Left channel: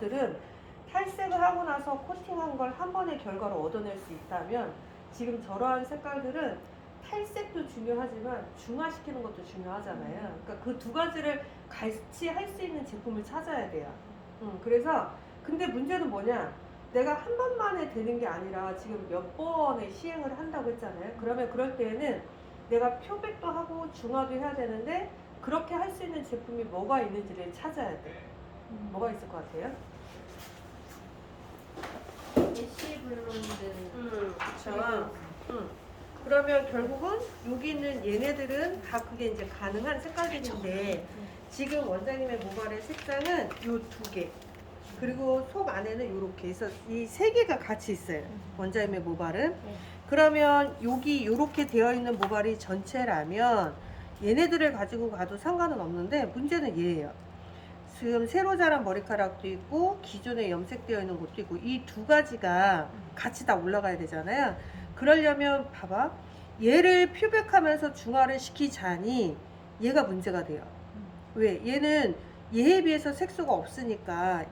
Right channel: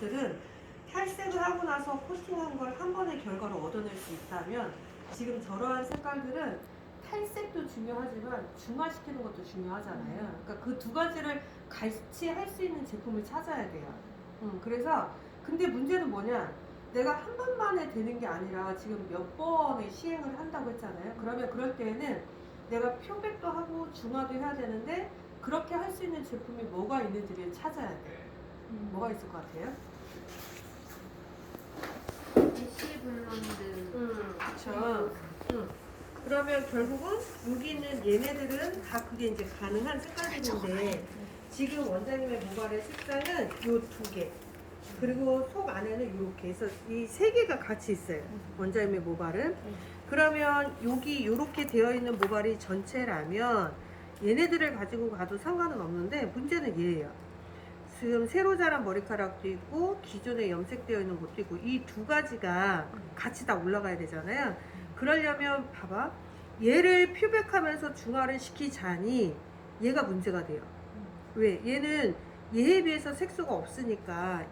들은 탈색을 하고 나서 코팅한 걸 한 번에 결과를 얻어낼 수 있다면 지금 저러한 색깔들은 탈색도 중요하지만 중화시키는 것도 중요하잖아요. 그러니까 그 두 가지를 같이 할 수 있는 제품을 찾아야 돼요. 그래서 근데 문제는 뭐냐? 내가 한 번만에 되는 게 아니라 지금 몇 번의 시행을 한다고 했잖아요. 그러면 그럴 때에는 내가 표백도 하고 중화도 해야 되는데 그렇게 할 수 있는 제품이 뭐가 있는지를 찾아야 돼. 뭐가 있을 것 같아요? 애쉬 블론드. 그쵸. 그러면 결국은 여기 있는 얘네들은 다 그게 이제 가능한 색깔인데 지금 원장님의 모발의 색상은 요 두 개. 그리고 속 안에는 이렇게 해서 이 세 개가 같이 있어요. 원장님의 모발은. 그러면 여기 이렇게 되어 있는 모발이 전체라면 얘네들을 가지고 가도 상관은 없는데 문제는 얘예요. 지금 새로 자란 머리카락도 있고 기존에 염색되어 있는 것도 있고 이 두 가지가 같이 다 올라가야 되잖아요. 그러려면 봐봐, 얘를 표백하면서 중화를 시키자니 얘가 문제가 돼요. 왜? 얘는 얘에 비해서 색소가 없으니까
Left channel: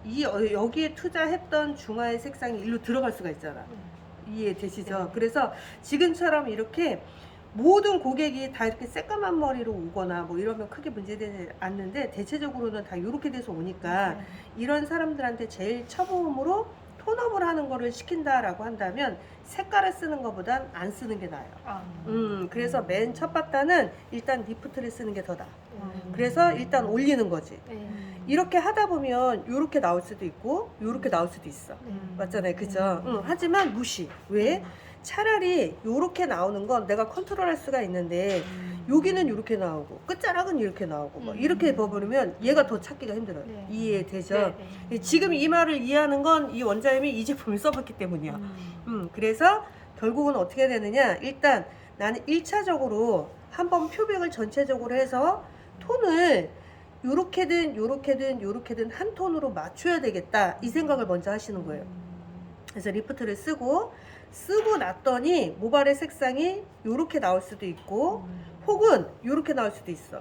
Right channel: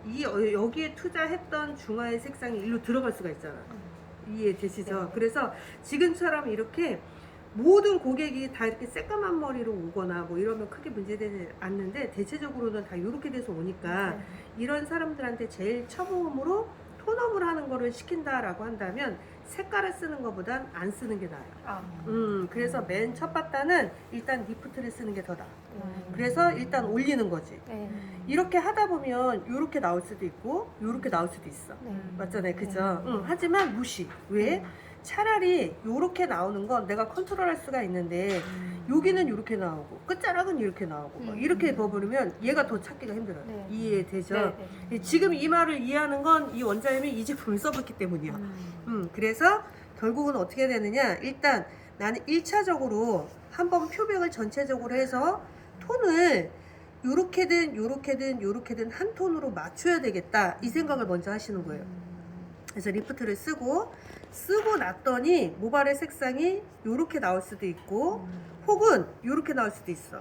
여기에 투자했던 중화의 색상이 일로 들어갈 수가 있잖아. 이해되시죠? 네. 그래서 지금처럼 이렇게 모든 고객이 다 이렇게 새까만 머리로 오거나 뭐 이러면 크게 문제되지 않는데 대체적으로는 다 이렇게 돼서 오니까 이런 사람들한테 제일 처음으로 톤업을 하는 거를 시킨다라고 한다면 색깔을 쓰는 것보단 안 쓰는 게 나아요. 그래서 맨 첫 바다는 일단 리프트를 쓰는 게 더 나아. 그래서 일단 올리는 거지. 이렇게 하다 보면 이렇게 나올 수도 있고 이렇게 나올 수도 있어. 맞잖아요, 그죠? 하지만 무시. 왜? 차라리 이렇게 나오는 건 내가 컨트롤할 수가 있는데 여기는 이렇게 나오고 끝자락은 이렇게 나오고 뭐 이렇게 버무리면 얘가 더 찾기가 힘들어요. 이해되죠? 지금 이 말을 이해하는 건 이 원장님이 이 제품을 써봤기 때문이야. 그래서 결국은 어떻게 되느냐, 일단 나는 1차적으로 한번 표백을 전체적으로 해서 톤을 요렇게든 요렇게든 요렇게든 한 톤으로 맞춰야 되겠다 이 생각을 먼저 하시는 거예요. 그래서 리프트를 쓰고 났더니 모발의 색상이 요렇게 나올 수도 있고 혹은 요렇게 나올 수도 있어.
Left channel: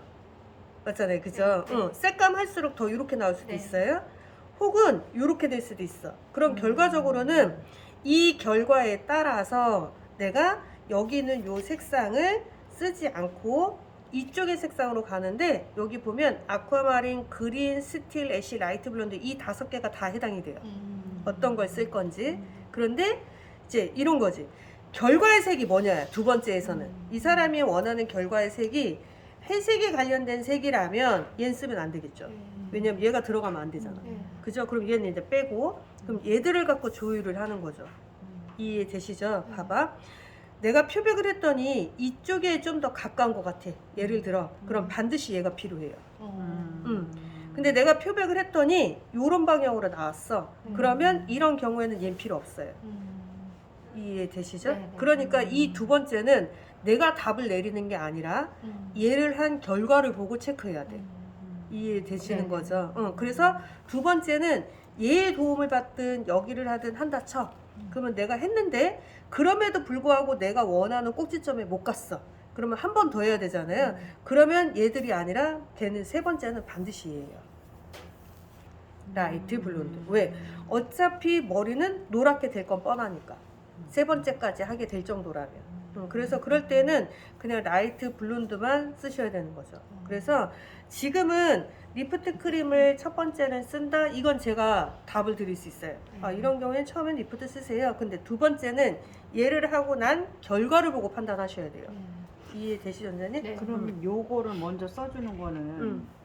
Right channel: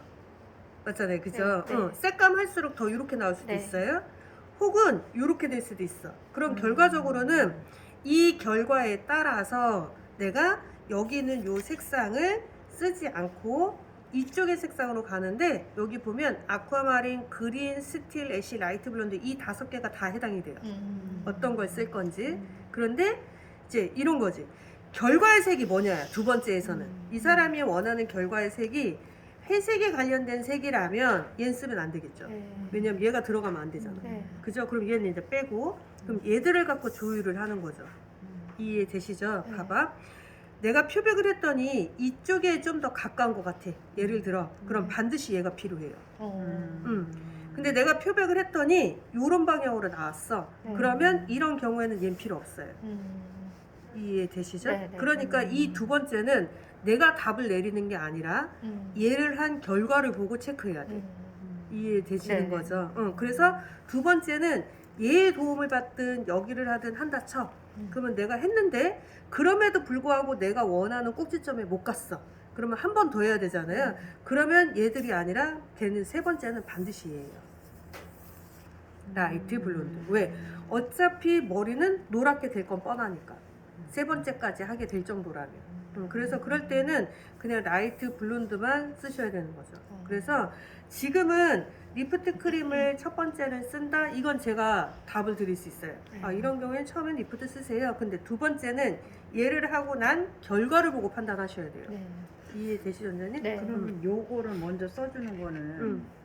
맞잖아요, 그죠? 새까할수록 더 요렇게 나올 수도 있어요. 혹은 요렇게 될 수도 있어. 그럼 결과적으로는 이 결과에 따라서 내가 여기 있는 요 색상을 쓰지 않고 이쪽의 색상으로 가는데 여기 보면 아쿠아마린, 그린, 스틸, 애쉬, 라이트 블론드 이 5개가 다 해당이 돼요. 어떤 걸 쓸 건지. 그런데 이제 이런 거지. 결과의 색이 뭐냐, 두 번째에서는. 이 사람이 원하는 결과의 색이 회색에 관련된 색이라면 얘는 쓰면 안 되겠죠. 왜냐면 얘가 들어가면 안 되잖아. 그죠? 그럼 얘는 이제 빼고 그럼 얘들을 갖고 조율을 하는 거죠. 이해되시죠? 봐봐. 내가 표백을 했더니 이쪽에 좀 더 가까운 것 같아. 예를 들어. 그럼 반드시 얘가 필요해요. 근데 내가 표백을 했더니 이런 방향으로 나왔어. 그러면 이런 경우에는 얘는 필요 없어요. 이해되시죠? 그러니까 이 두 번째는 내가 답을 내리는 게 아니라 얘를 한 결과를 보고 체크해야 돼. 이해되시는 거죠? 그래서 두 번째는 얘의 도움을 받든 여기를 하든 한다 쳐. 그러면 내가 했는데 그럼에도 불구하고 내가 원하는 꼭지점에 못 갔어. 그러면 한 번 더 해야 되잖아요. 그러면 얘들이 아니라 걔는 세 번째는 반드시 얘예요. 라이트 블론드. 왜? 어차피 머리는 노랗게 될 건 뻔하니까. 세 번째까지 하게 될 정도라면. 그래서 그럴 때는 그냥 라이트 블론드만 쓰셔야 되는 거죠. 그래서 지금은 리프트 크림을 첫 번째는 쓴다. 이건 제가 답을 드릴 수 있어요. 이런 경우에 처음엔 리프트 쓰세요. 근데 두 번째는 얘를 하고 난 결과를 보고 판단하셔야 돼요. 이해되시죠, 원장님? 그럼 요거를 먼저 써주는 거는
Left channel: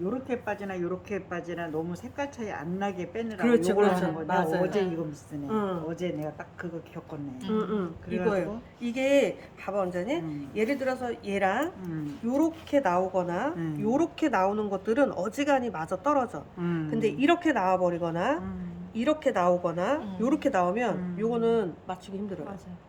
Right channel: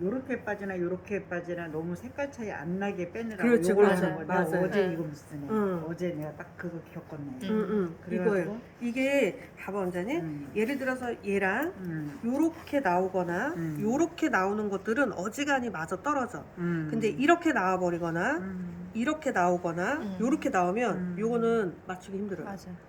요렇게 빠지나 요렇게 빠지나 너무 색깔 차이 안 나게 빼느라고 그렇죠, 요걸 맞아요, 하는 거야. 맞아요. 어제 이거 쓰네. 어제 내가 딱 그거 겪었네. 이거예요. 이게 봐봐, 원장님. 예를 들어서 얘랑 요렇게 나오거나 요렇게 나오는 것들은 어지간히 맞아 떨어져. 근데 이렇게 나와버리거나 이렇게 나오거나 요렇게 나오면 요거는 맞추기 힘들어요. 맞아요.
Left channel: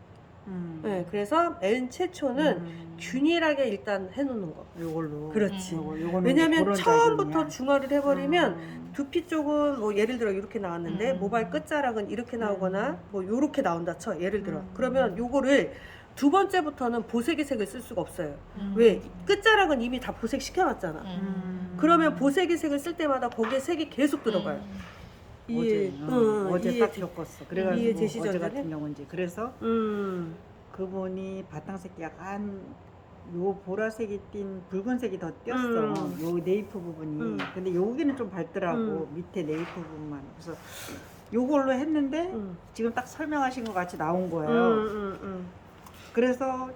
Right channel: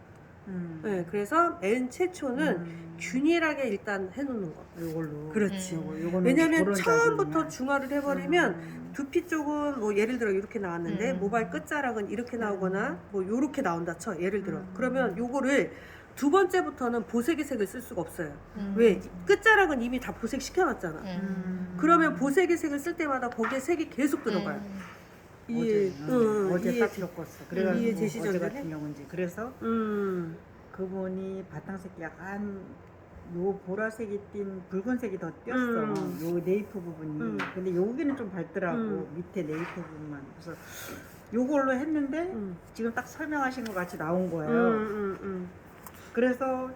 네, 그래서 맨 최초는 균일하게 일단 해놓는 거. 요걸로. 그렇지. 요거는 왜냐면 그런 처음부터 자질이냐. 중화를 해버리면 두피 쪽은 뭐 예를 들어 이렇게 나왔는데 모발 끝자락은 이렇게 나오거나 뭐 요렇게 나온다 쳐. 예를 들어. 그러면 요거를 두 번째부터는 보색의 색을 쓸 수가 없어요. 왜? 끝자락은 이미 다 보색 시켜놨잖아. 그러면 보색의 색을 쓸 때마다 거기에 색이 계속 들어가요. 이해, 어제 이해 딱 겪었어. 그래가지고 이해되시죠, 어제 선생님? 같은 경우는 이제 그래서 그분이 바탕색이 약간 요 보라색이 띈 붉은색이 더 띄었어. 요 네이프 부분이. 근데 여기는 좀 밝더라고. 밑에 네이프 부분만. 그래서 요걸로 했는데 지금 딱 설명하신 것 같이 나온 거예요. 그래서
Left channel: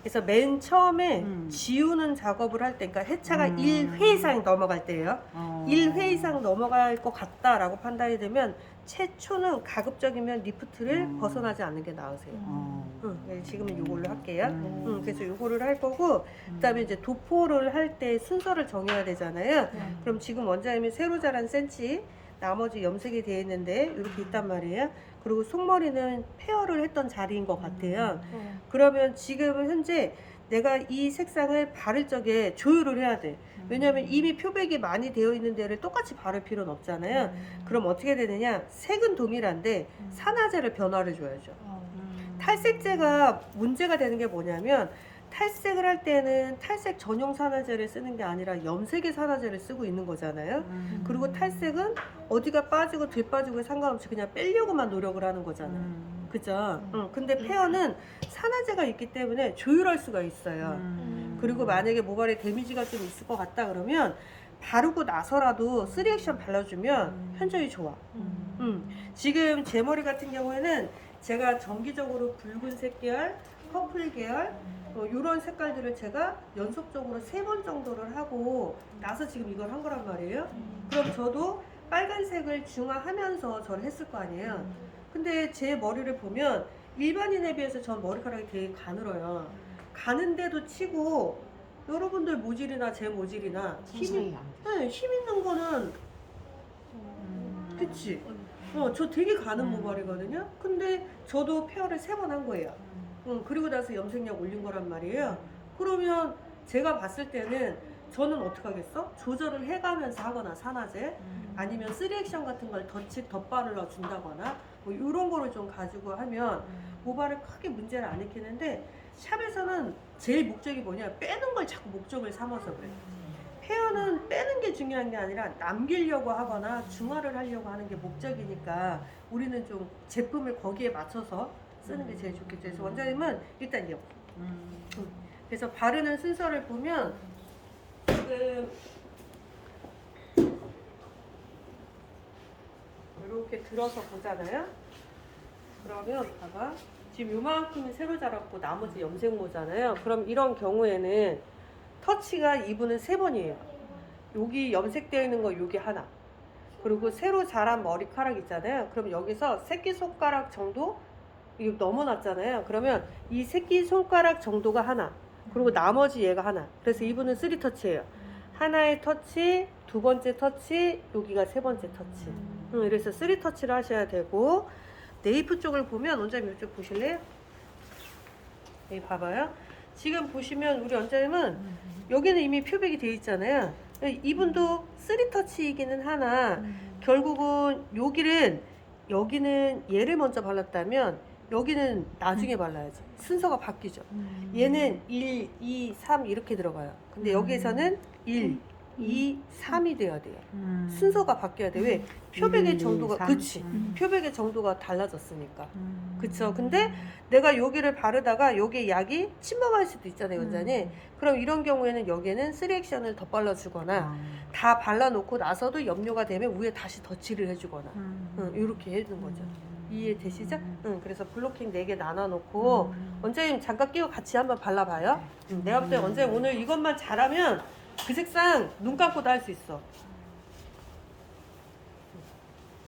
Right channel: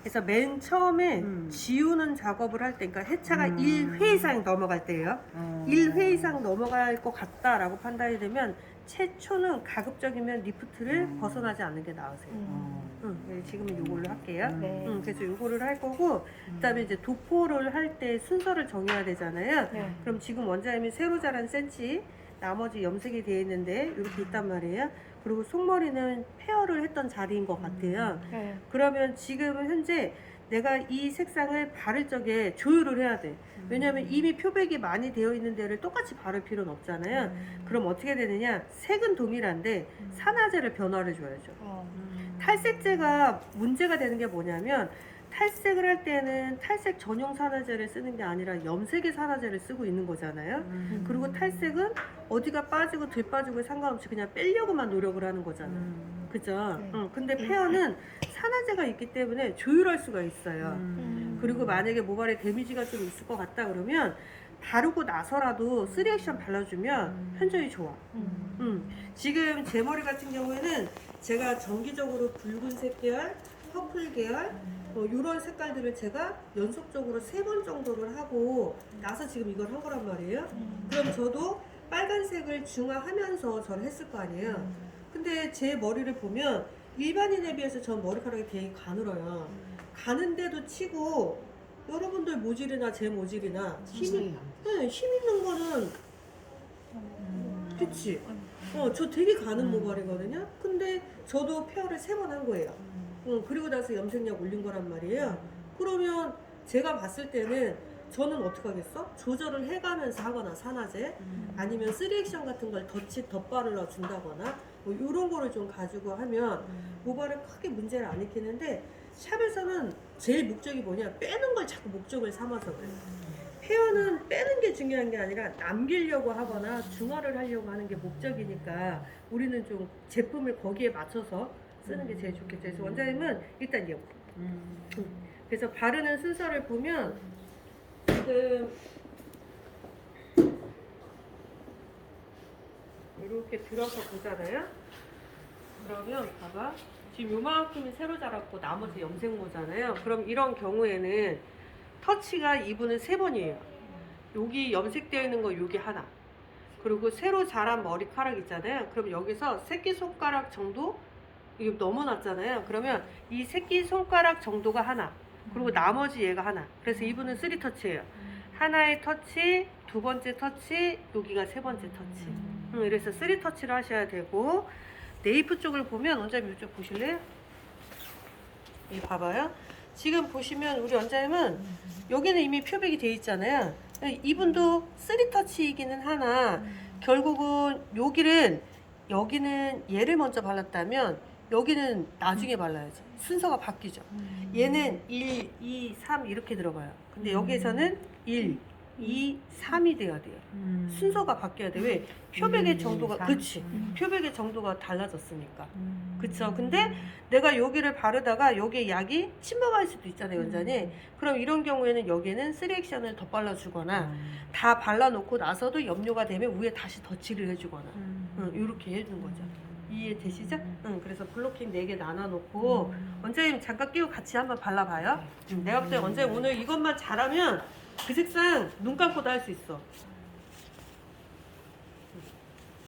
그래서 맨 처음에 지우는 작업을 할 때, 그러니까 해차가 1회 이상 넘어갈 때예요. 1회 이상 넘어갈 것 같다라고 판단이 되면 최초는 가급적이면 리프트를 벗어나지 않는 게 나으세요. 네, 지금은 요걸로 할게요. 그래서 요거를 할 거고, 그다음에 이제 도포를 할 때 순서를 정해야 되잖아요. 네. 그럼 지금 원장님이 새로 자란 센치, 나머지 염색이 되어 있는데 이렇게 있단 말이에요. 그리고 속머리는 페어를 했던 자리인 것 같아요. 네. 그러면 지금 현재 내가 이 색상을 바를 적에 조율을 해야 돼. 왜냐면 이미 표백이 많이 되어 있는 데를 똑같이 바를 필요는 없잖아요. 그럼 어떻게 되느냐? 색은 동일한데 산화제를 변화를 줘야죠. 탈색제가 문제가 되는 게 뭐냐면 탈색을 할 때는 탈색 전용 산화제를 쓰는 게 아니라 염색의 산화제를 쓰고 있는 거잖아요. 그리고 탈색은 어디가 빠지고 덜 빠지고 상관없이 그냥 빼려고만 노력을 하는 거잖아요. 그죠? 근데 페어는 산화제가 있기 때문에 조율할 수가 있어요. 그리고 만약에 모발에 데미지가 좀 있을 것 같다 그러면 바르고 나서라도 3액션 발라주면 현저히 좋아. 지금 제 머리 같은 경우에는 제가 정기적으로 붉은색 계열, 퍼플 계열, 이런 색깔들을 제가 연속적으로 3번 정도를 하고 나서 지금 이걸 한 거란 말이에요. 그럼 저도 빨간색을 중화하면서 저를 했을 거 아니에요. 근데 제 머리를 보면 일반인에 비해서 전 머리카락이 되게 가늘어요. 가는데도 치고 여러분들 모질이나 제 모질이나 힘 있는 거는 그치? 저 되게 가는 모발이거든요. 근데 저도 페어를 3번 한 거예요. 그리고 나서 염색약 올린 거란 말이에요. 그러면 제가 봤을 때는 저는 어떻게 하겠어? 조절을 해가면서 하거나 산화제 아니면 3액션 같은 걸 덧바르러 준다거나 뭐 이런 거를 좀 가지고 하면 모발에 크게 문제를 안 일으키는데 샵에서는 제일 목적이 뭐냐? 빼는 걸 자꾸 목적을 삼아서 그래요. 헤어는 빼는 게 중요한 게 아니라 남기려고 하거나 중화를 하려고 하는 게 목적이니까 우리는 좀 제품을 거기에 맞춰서 쓰는 게 제일 좋겠죠. 그래서 원장님은 일단 이거. 그래서 바르는 순서를 보면 지금 이렇게 들어서 보잖아요. 그러면 봐봐. 지금 요만큼이 새로 자랐고 나머지 염색모잖아요. 그럼 이런 경우에는 터치가 이분은 3번이에요. 여기 염색되어 있는 거 여기 하나. 그리고 새로 자란 머리카락 있잖아요. 그럼 여기서 새끼손가락 정도 이게 넘어났잖아요. 그러면 이 새끼손가락 정도가 하나. 그리고 나머지 얘가 하나. 그래서 이분은 3터치예요. 하나의 터치, 2번째 터치, 여기가 3번째 터치. 그래서 3터치를 하셔야 되고 네이프 쪽을 보면 원장님 이쪽 보실래요? 여기 봐봐요. 지금 보시면 우리 원장님은 여기는 이미 표백이 돼 있잖아요. 이분도 3터치이기는 하나 결국은 여기는 얘를 먼저 발랐다면 여기는 나중에 발라야죠. 순서가 바뀌죠. 얘는 1, 2, 3 이렇게 들어가요. 근데 여기에서는 1, 2, 3이 돼야 돼요. 순서가 바뀌어야 돼. 왜? 표백의 1, 2, 정도가 3. 그치. 표백의 정도가 달라졌으니까. 그쵸. 근데 내가 여기를 바르다가 여기에 약이 침범할 수도 있잖아요, 원장님. 그럼 이런 경우에는 여기에는 3액션을 더 발라주거나 다 발라놓고 나서도 염료가 되면 위에 다시 덧칠을 해주거나 이렇게 해주는 거죠. 이해되시죠? 그래서 블로킹 4개 나눠놓고 원장님 잠깐 끼고 같이 한번 발라봐요. 내가 볼 때 원장님 오늘 이것만 잘하면 그 색상 눈 감고도 할 수 있어.